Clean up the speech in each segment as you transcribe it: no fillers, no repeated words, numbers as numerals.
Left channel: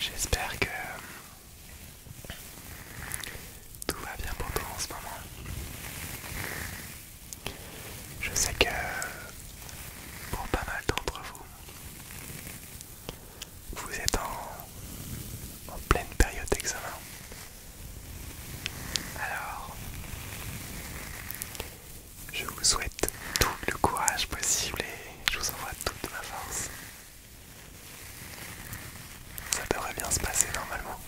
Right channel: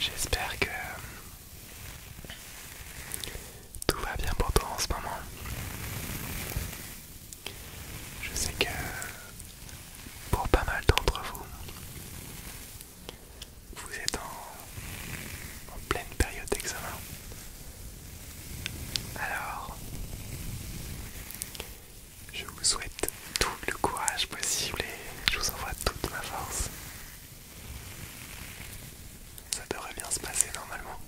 J'espère que tout va bien pour toi en ce moment. Je sais que pour pas mal d'entre vous, vous êtes en pleine période d'examen. Alors, je vous souhaite tout le courage possible et je vous envoie toute ma force. Ça devrait bien se passer normalement.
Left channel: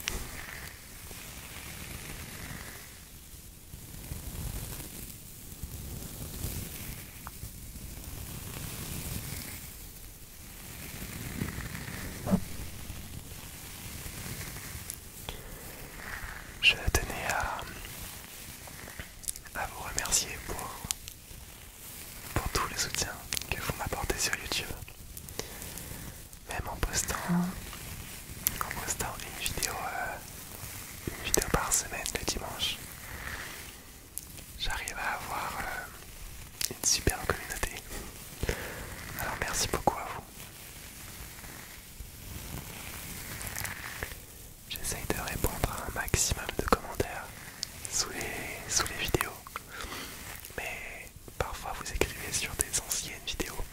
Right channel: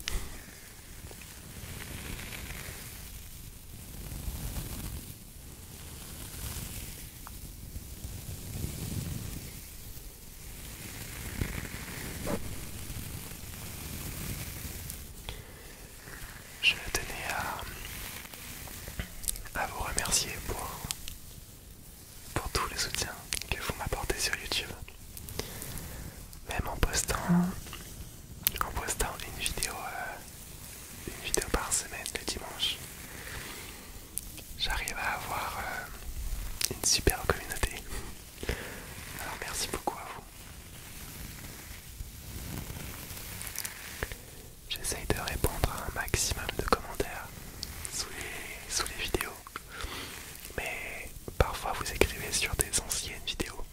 Je tenais à vous remercier pour tout le soutien que vous m'apportez sur YouTube. Même en postant une vidéo par semaine le dimanche, j'arrive à avoir une super communauté. Alors merci beaucoup à vous. J'essaye de répondre à un maximum de commentaires sous les vidéos, mais parfois vous écrivez sur des anciennes vidéos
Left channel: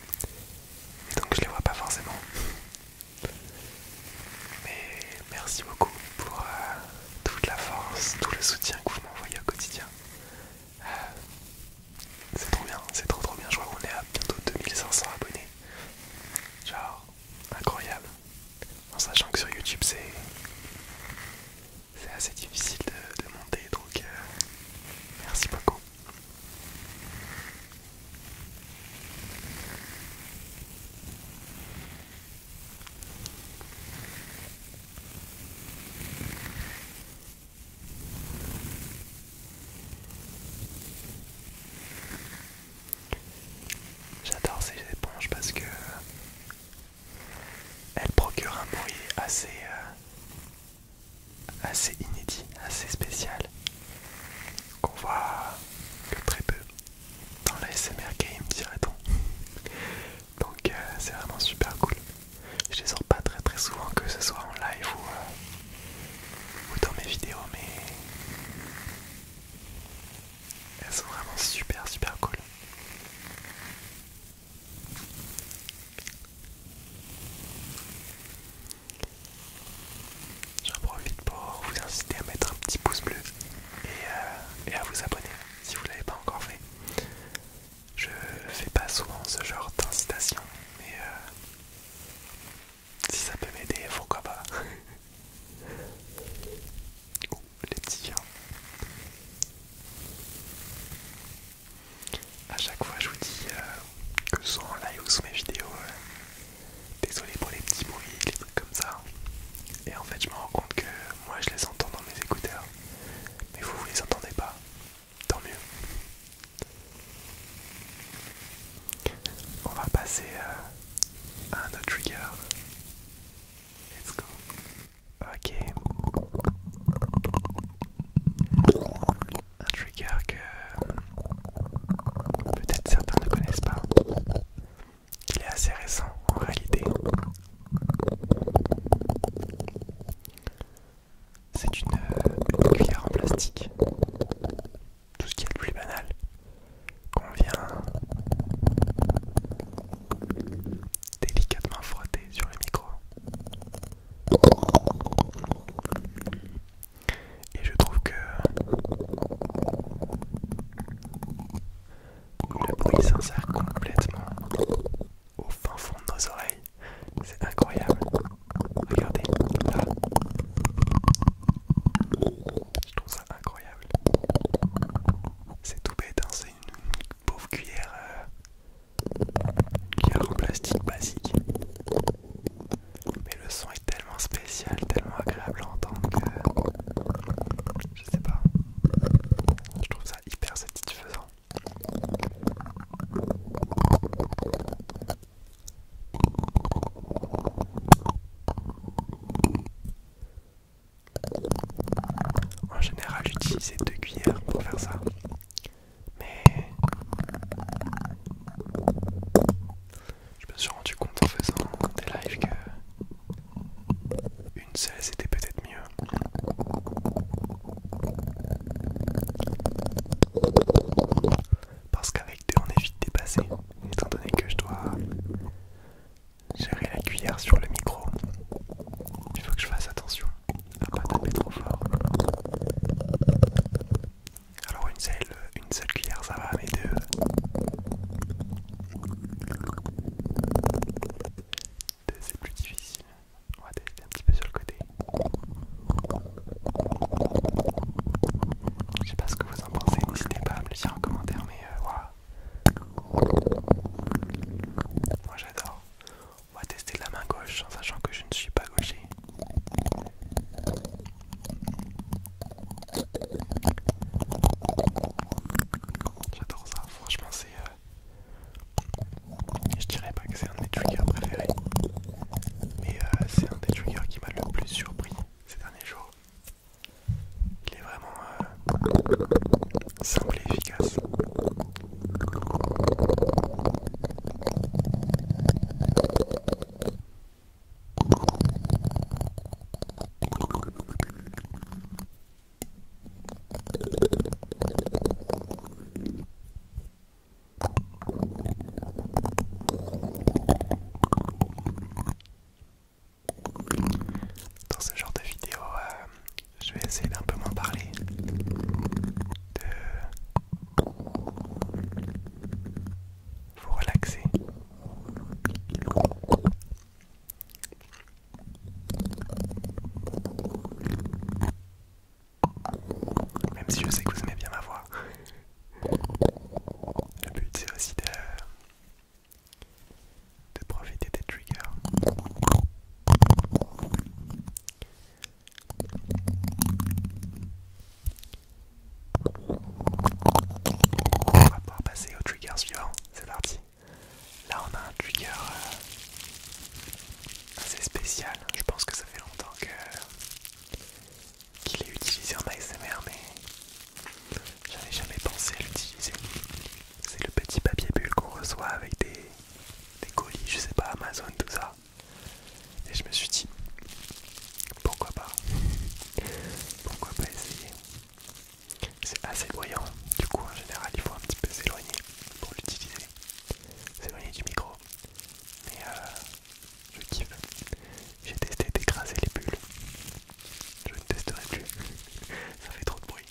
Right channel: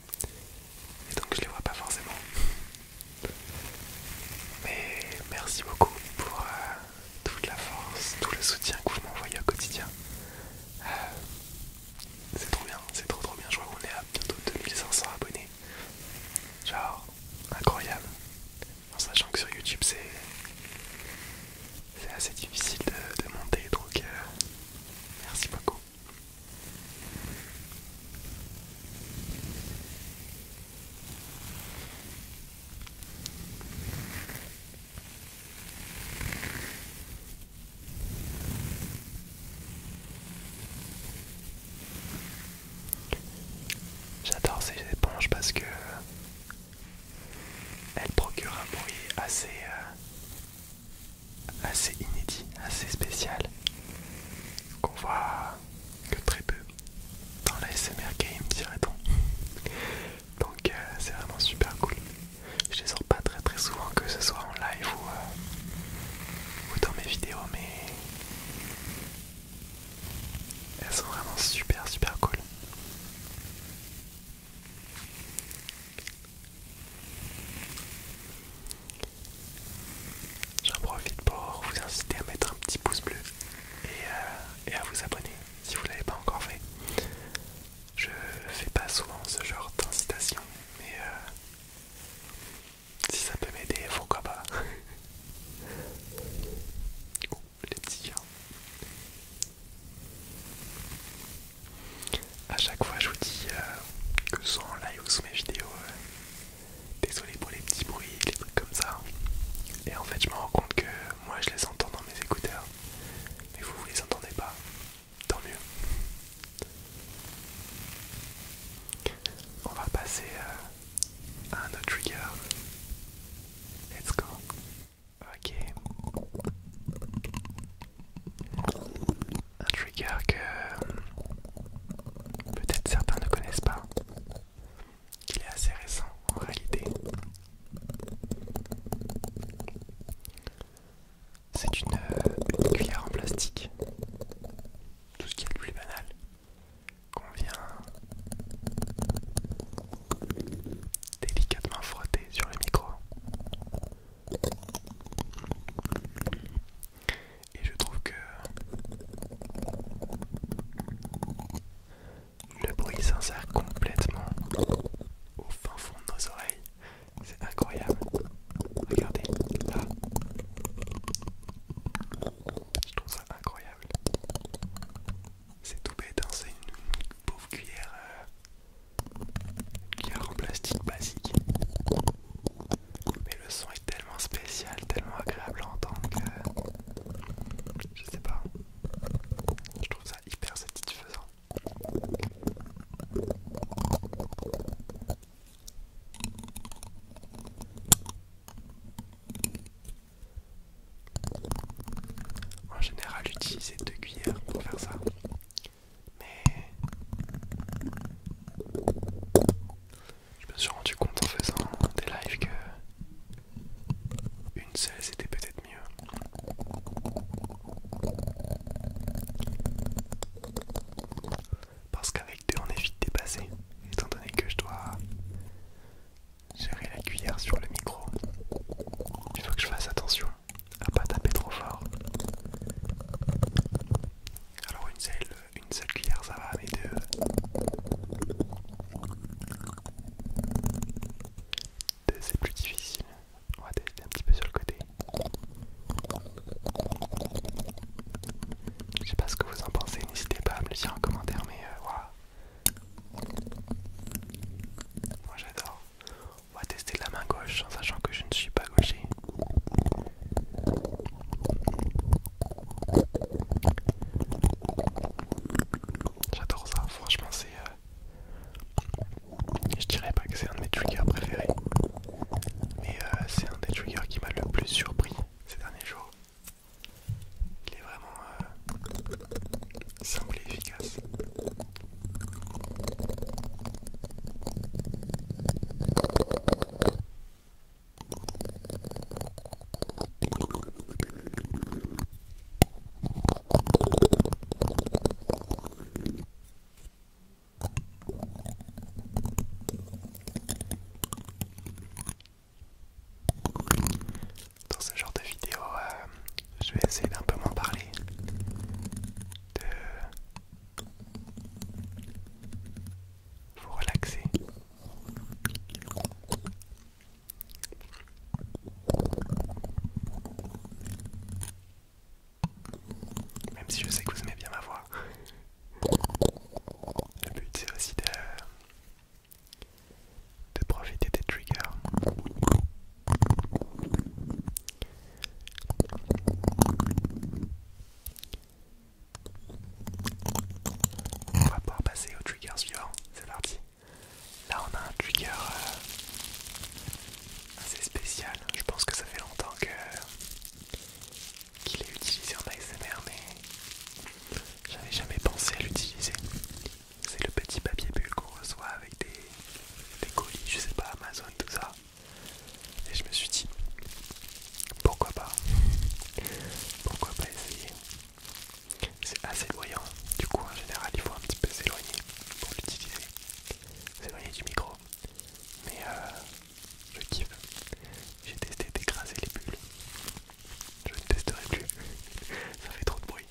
et donc je les vois pas forcément. Mais merci beaucoup pour toute la force, tout le soutien que vous m'envoyez au quotidien. C'est trop bien, c'est trop bien. Je crois qu'on est à bientôt 2500 abonnés. Genre, incroyable. En sachant que sur YouTube c'est assez difficile de monter, donc merci beaucoup. J'adore ces éponges parce que elles procurent un bruit assez inédit, assez spécial, qu'on voit que très peu dans la SMR game, dirait-on. Donc c'est vraiment super cool. Je les sors pas très souvent, que ce soit en live ou dans mes vidéos, mais elles sont vraiment super cool. J'en profite pour vous inciter à mettre un petit pouce bleu et à vous abonner si vous ne l'avez pas encore fait. Je fais pas souvent ce genre d'incitation, mais si ça peut m'aider, pourquoi pas. Ouh, les petits chiens. À chaque fois je vous dis que ce soit en live ou sous mes vidéos, désolé pour les petits bruits, les trucs comme ça. Et en fait je me rends compte que moi je les entends dans mes écouteurs, mais vous les entendez pas, tant mieux. On va passer à un autre trigger. Let's go. Ok. Un trigger que peut-être certains ne connaissent pas. Il est assez récent en réalité. C'est une cuillère en plastique. Tout ce qui est le plus banal. Qu'on vient délicatement frotter sur le micro. Et je trouve que le bruit s'insère complètement au fin fond de nos oreilles. C'est incroyable. Regardez, là. Je trouve ça incroyable. C'est tout bête, hein, c'est une pauvre cuillère en plastique basique. Mais le son est tellement spécial, tellement agréable à entendre que je sais pas. Je trouve ça hyper satisfaisant. En général, j'utilisais 2 cuillères pour faire ça. Mais je me suis rendu compte en faisant des lives que une seule l'éloigner du micro. Mais je kiffe. J'ai testé d'écraser les bulles. Je ne testerai plus. Ça fait trop de bruit.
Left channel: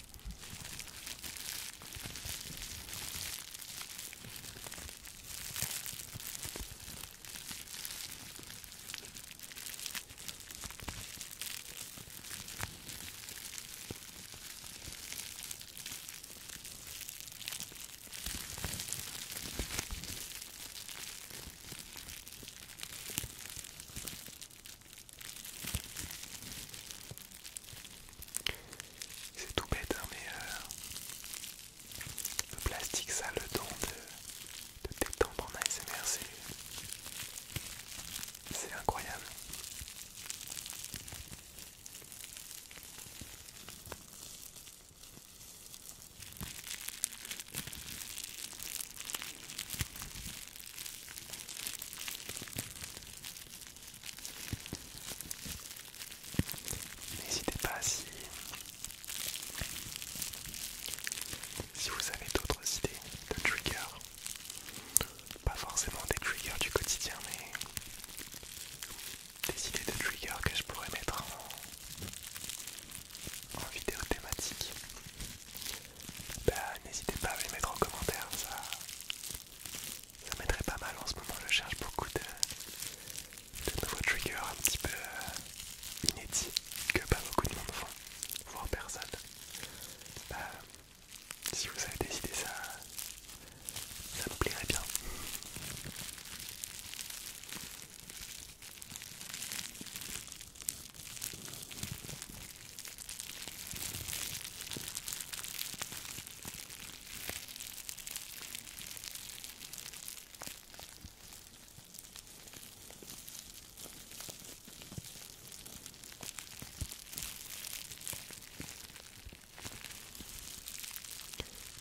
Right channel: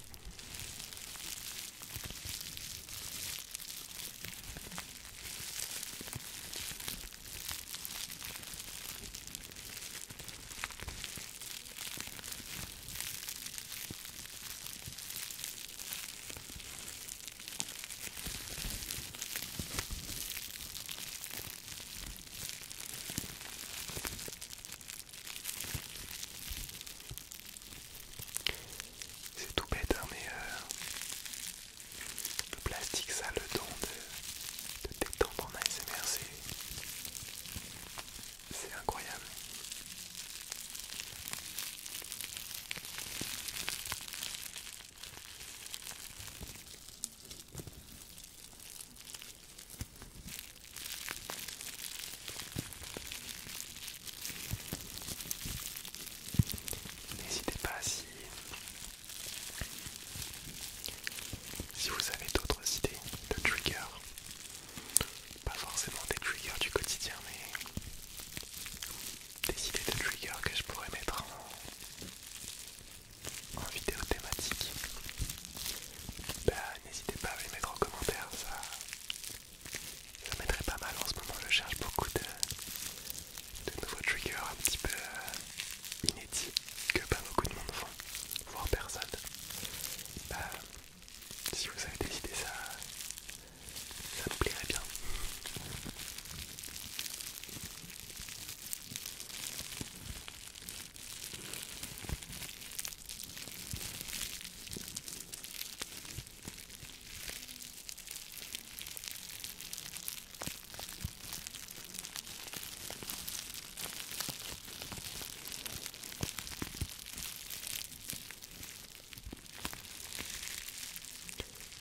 C'est tout bête, hein, mais le plastique, ça a le don de détendre en ASMR, c'est incroyable. N'hésitez pas si vous avez d'autres idées de triggers, pas forcément des triggers du quotidien, mais des idées de triggers que je pourrais mettre en vidéo thématique, bah n'hésitez pas à les mettre en commentaire, ça m'aiderait pas mal. En ce moment je cherche beaucoup de nouveaux triggers un petit peu inédits que pas beaucoup de monde font, voire personne. Bah, si vous avez des idées, ça me plairait bien.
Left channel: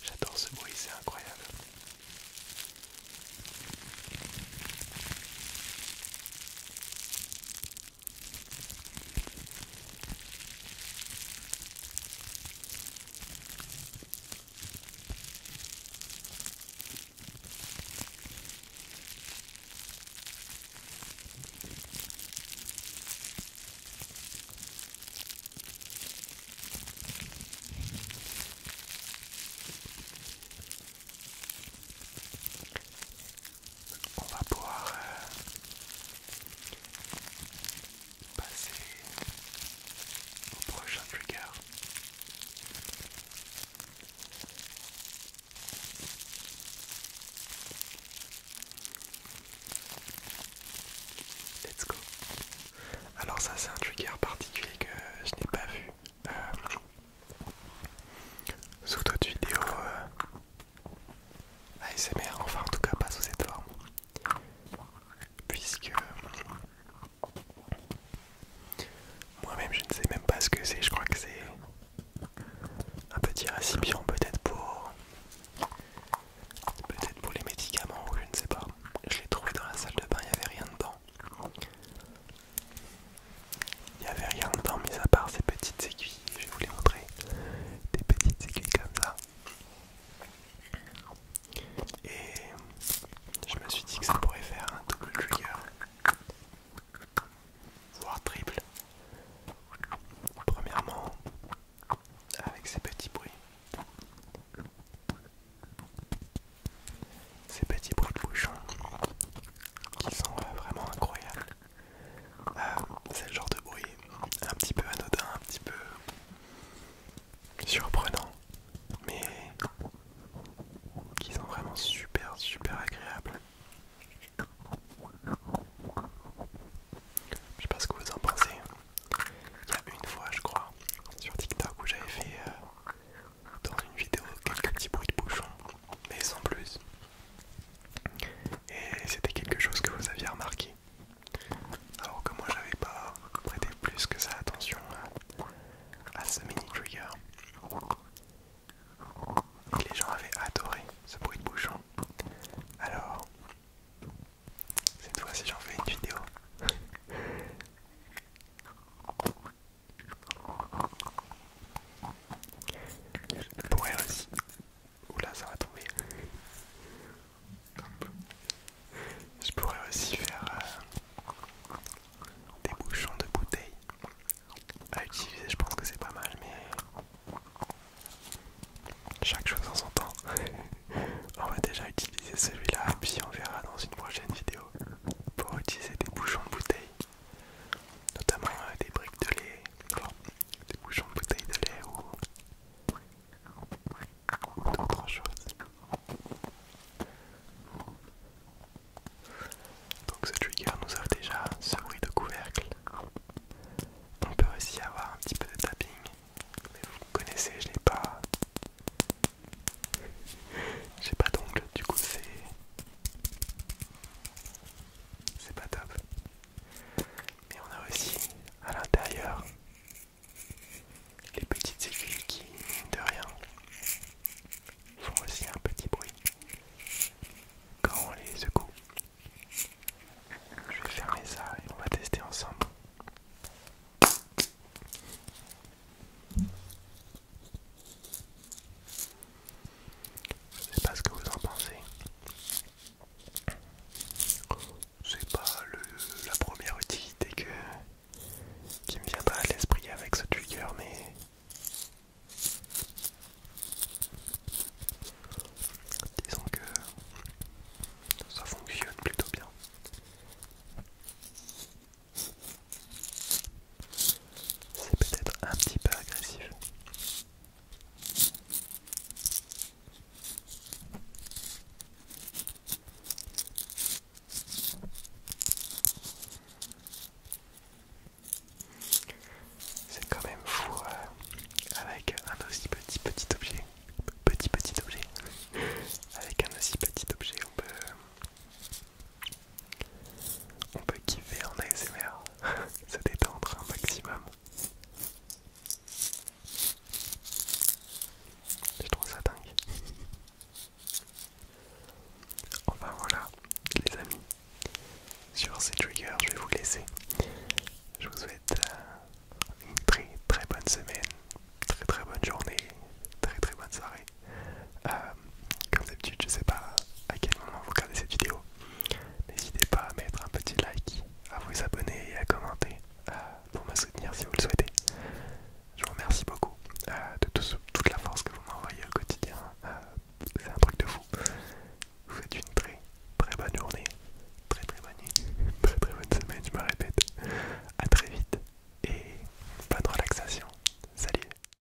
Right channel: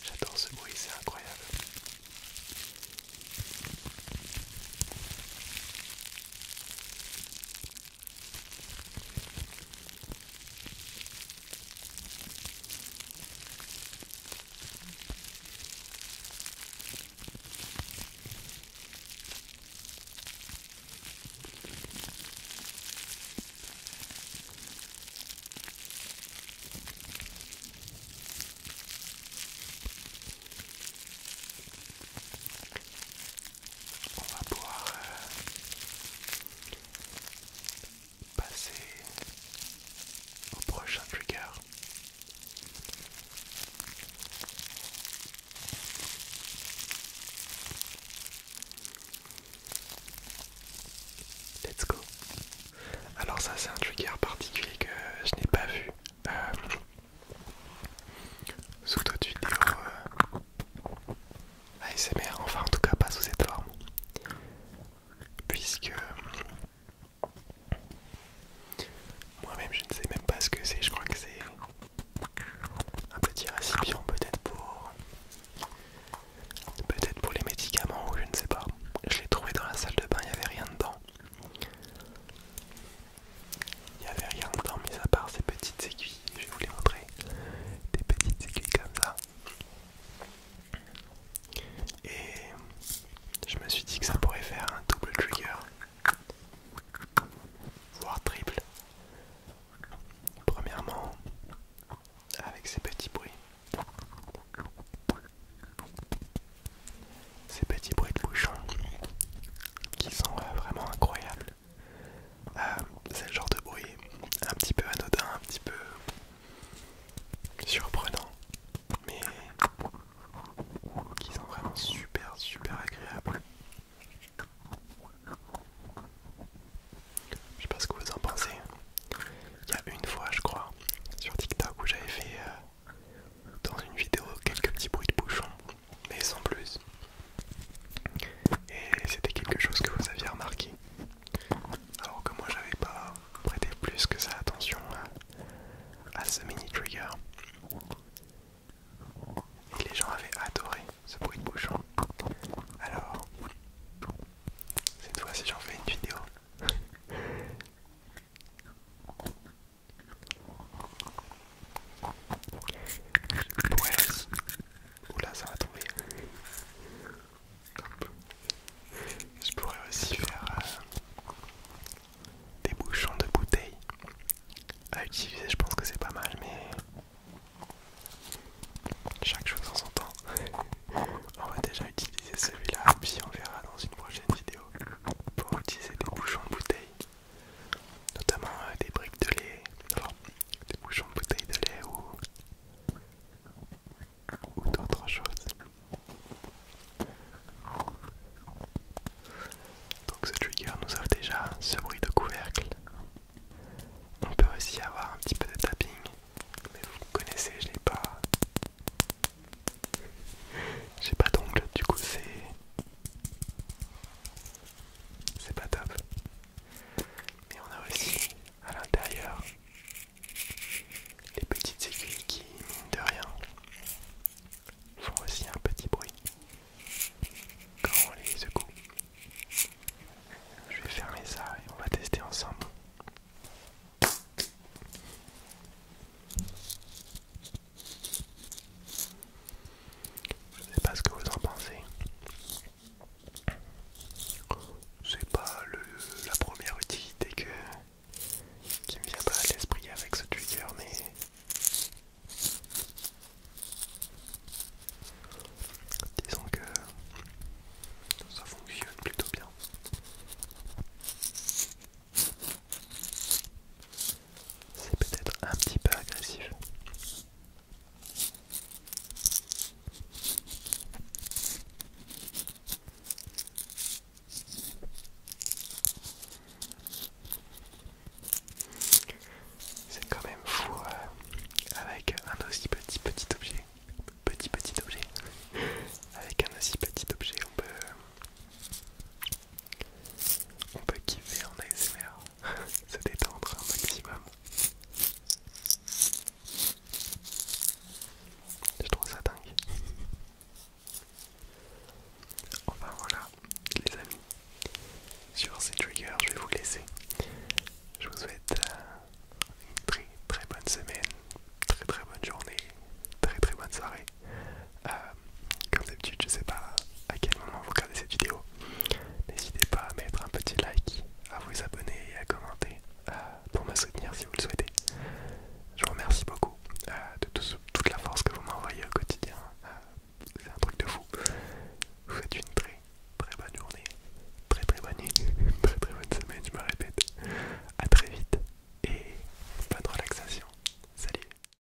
J'adore ce bruit, c'est incroyable. On va pouvoir passer au prochain trigger. Let's go. Alors ça c'est un trigger particulier que je n'ai pas vu sous d'autres vidéos ASMR, enfin en tout cas pas sous cette forme. Puisque moi-même je ne sais même pas ce que c'est, je crois que c'est un petit récipient peut-être pour les médicaments ou je ne sais pas. Je l'ai trouvé dans la salle de bain, il n'y avait rien dedans. Il y avait intéressé.